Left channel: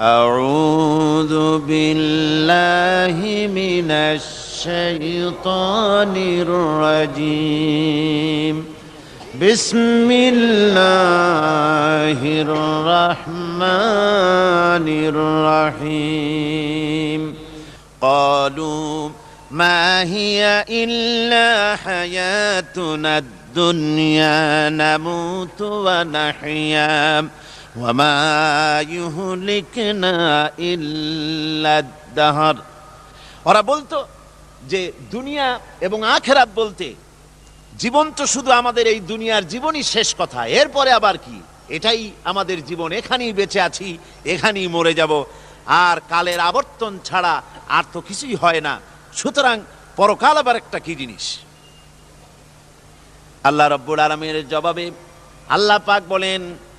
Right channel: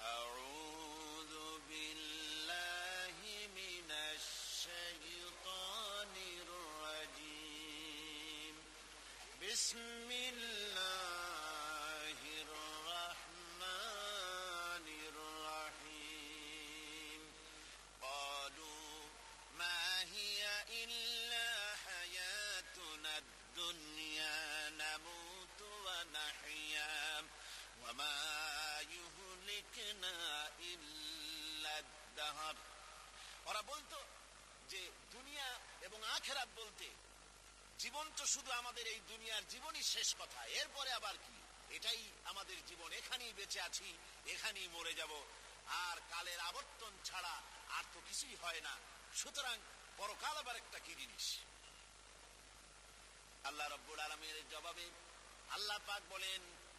أعوذ بالله من الشيطان الرجيم. بسم الله الرحمن الرحيم. قالوا ما هي إلا حياتنا الدنيا نموت ونحيا. وما يهلكنا إلا الدهر ওরা বলতো যে দুনিয়া এবং আখেরাত বলতে জীবন তো শুধু আমাদের এই দুনিয়ার জীবনই শেষ কথা এরপরে আবার কি এটাই আমাদের জীবন এখানেই বেঁচে আছি এখানেই মরে যাব আর কালের আবর্তন ছাড়া আর তো কিছুই হয় না সুতরাং পরকাল আবার একটা কি জিনিস আল্লাহ রব্বুল আলমের জবাবে আল্লাহ পাক বলেন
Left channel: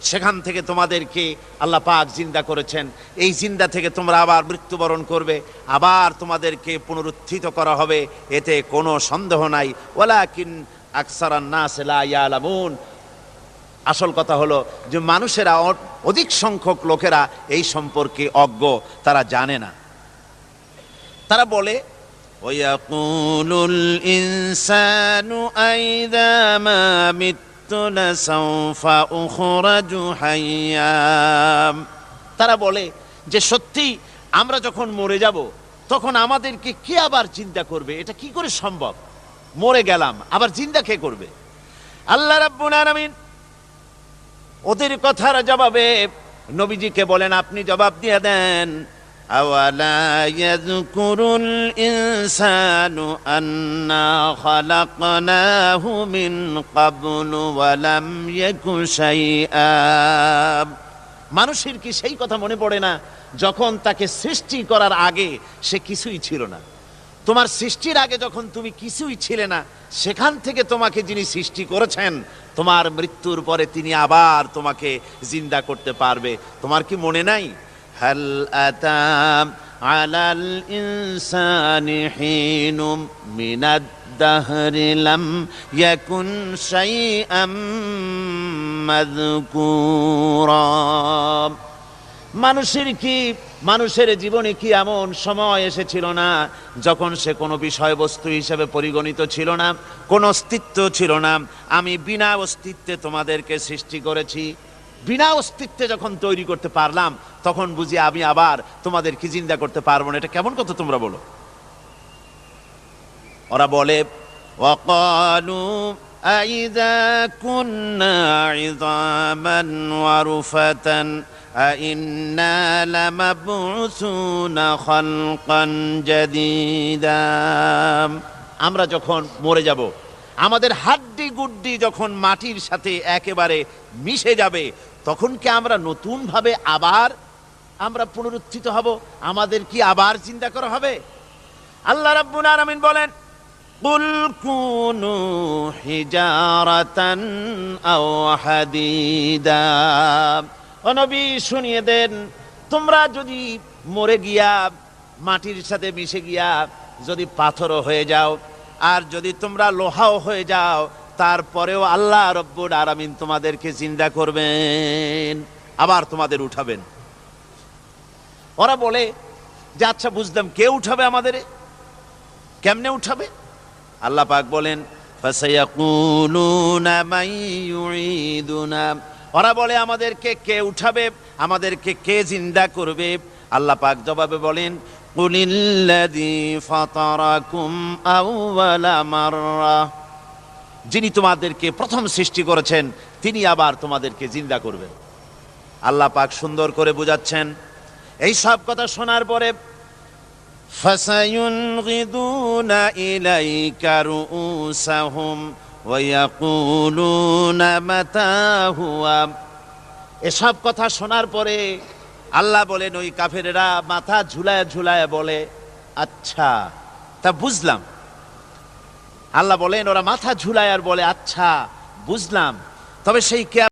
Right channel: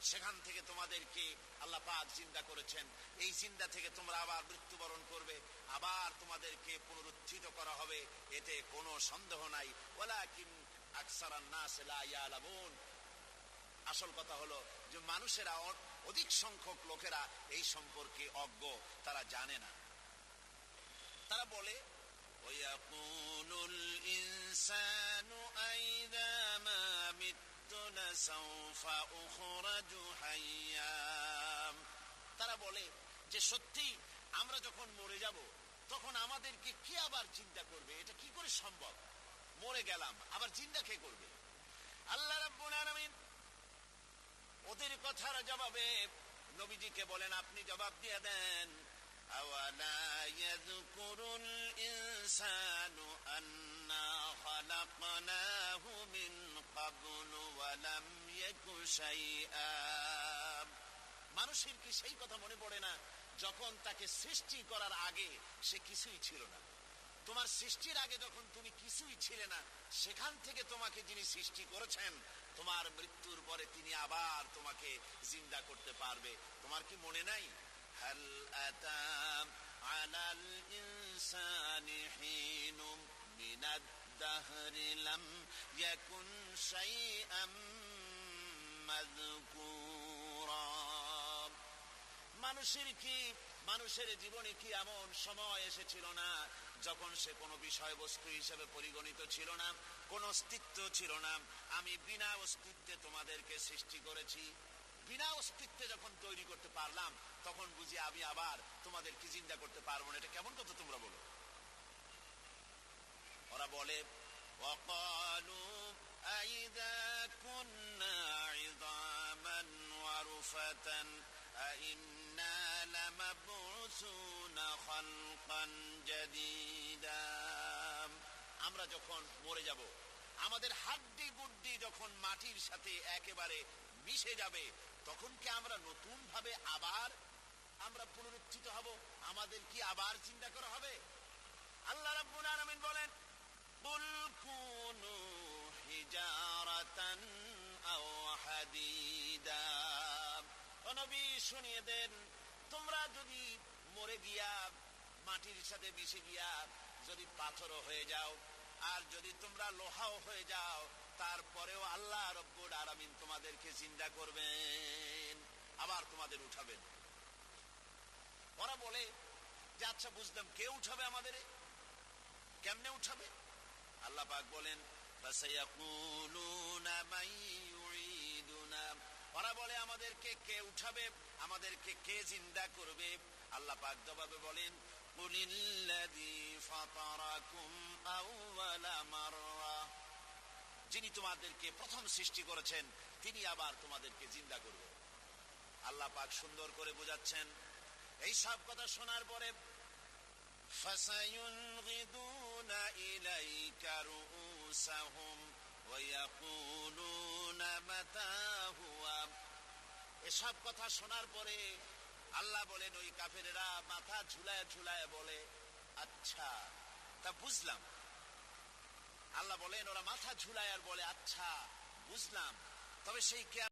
সেখান থেকে তোমাদেরকে আল্লাহ পাক জিন্দা করেছেন এই জিন্দা থেকে তোমরা আবার মৃত্যুবরণ করবে আবার তোমাদেরকে পুনরুত্থিত করা হবে এতে কোনো সন্দেহ নাই ওয়ালাকিন আকসারান নাস লা ইয়ালামুন আসল কথা হলো যে মানুষেরা অ- অধিক সংখ্যক লোকেরা এই সম্পর্কে অজ্ঞ তারা জানে না তারা বলে ويقول الإنسان أئذا ما مت لسوف أخرج حيا তারা বলে যে সত্যি আমরা যখন মরে যাব, তখন আমাদেরকে কে আবার চিন্তা করবে? এটা কি করে সম্ভব? মরে গেলাম, আবার চিন্তা কে করবে? আল্লাহ রাব্বুল ওদের কথার জবাবে নবীজিকে বলেন, আপনি জবাব দিয়ে দেন أولا يذكر الإنسان أنا خلقناه من قبل ولم يك شيئا মানুষের কি সেই কথা মনে পড়ে না যখন তাকে সৃষ্টি করার আগে সে কিছুই ছিল না তোমার সৃষ্টির আগে যখন তুমি কিছুই ছিলে না সেখান থেকে তোমাকে যিনি সৃষ্টি করেছেন তোমার মৃত্যুর পরে তিনি আবার তোমাকে জিন্দা করতে পারবে তোমার কি মনে নাই হাল আতাম আলাল ইনসানি হিনুম মিনাদ الدهر لم يكن شيئا مذكورا মানুষের কি মানুষের জীবনে কি এমন সময় এসেছিল না যখন সে কোনো বিষয়বস্তু হিসেবে পরিগণিত ছিল না কোনো অস্তিত্ব ছিল না আমি বিনা অস্তিত্বে তোমাদেরকে সৃষ্টি করেছি বিনা অস্তিত্বে যখন তৈরি করতে পারলাম তখন বুঝি আমি আবার তোমাদেরকে জিন্দা করতে পারবো না এটা কেমন কথা তোমরা বলো ওরা বলে وقالوا أئذا كنا عظاما ورفة أئنا لمبعوثون خلقا جديدا আমরা যখন মরে যাব আমাদের হাড্ডি গুড্ডি যখন মাটির সাথে একেবারে মিশে যাবে, তখন কি আমরা নতুনভাবে আবার আমরা পুনরুত্থিত হব? আমাদের কি আবার চিন্তা করা হবে? আল্লাহ রাব্বুল আলামিন বলেন, কুল কুনু হিজারাতান আও হাদিদা। ও নবী, শুনিয়ে দেন, তোমরা যদি মরে গিয়া, মাটির সাথে মিশে গিয়া যদি পাথরও হয়ে যাও আর যদি তোমরা লোহাও হয়ে যাও, তারপরেও আল্লাহ রব্বুল আরামিন তোমাদেরকে চিন্তা করবেন, আবার তোমাদের উঠাবেন। ওরা বলে, যে আচ্ছা বুঝলাম, কে উঠাবে আমাদের কেমনে উঠাবে? আল্লাহ পাক বলেন ওরা বলে, আমাদেরকে কে উঠাবে? আমাদেরকে কে জিন্দা করবে? আল্লাহ পাক জবাবে বলেন কুলিল্লাযী ফাতারাকুম আউওয়ালা মাররা যিনি তোমাদেরকে প্রথম সৃষ্টি করেছেন তিনি আবার তোমাদেরকে জিন্দা করবেন আল্লাহ পাক সুন্দর করে বুঝাচ্ছেন এই সব কথা শোনার পরে فسينغضون إليك رؤوسهم ويقولون متى هو এসব কথা শোনার পরে আল্লাহ বলেন, ওই কাফেরেরা মাথা ঝুলায় ঝুলায় বলে আচ্ছা তা বুঝলাম। আল্লাহ বলেন, ওরা মাথা ঝুলায় আর বলে আচ্ছা বুঝলাম। তবে সেই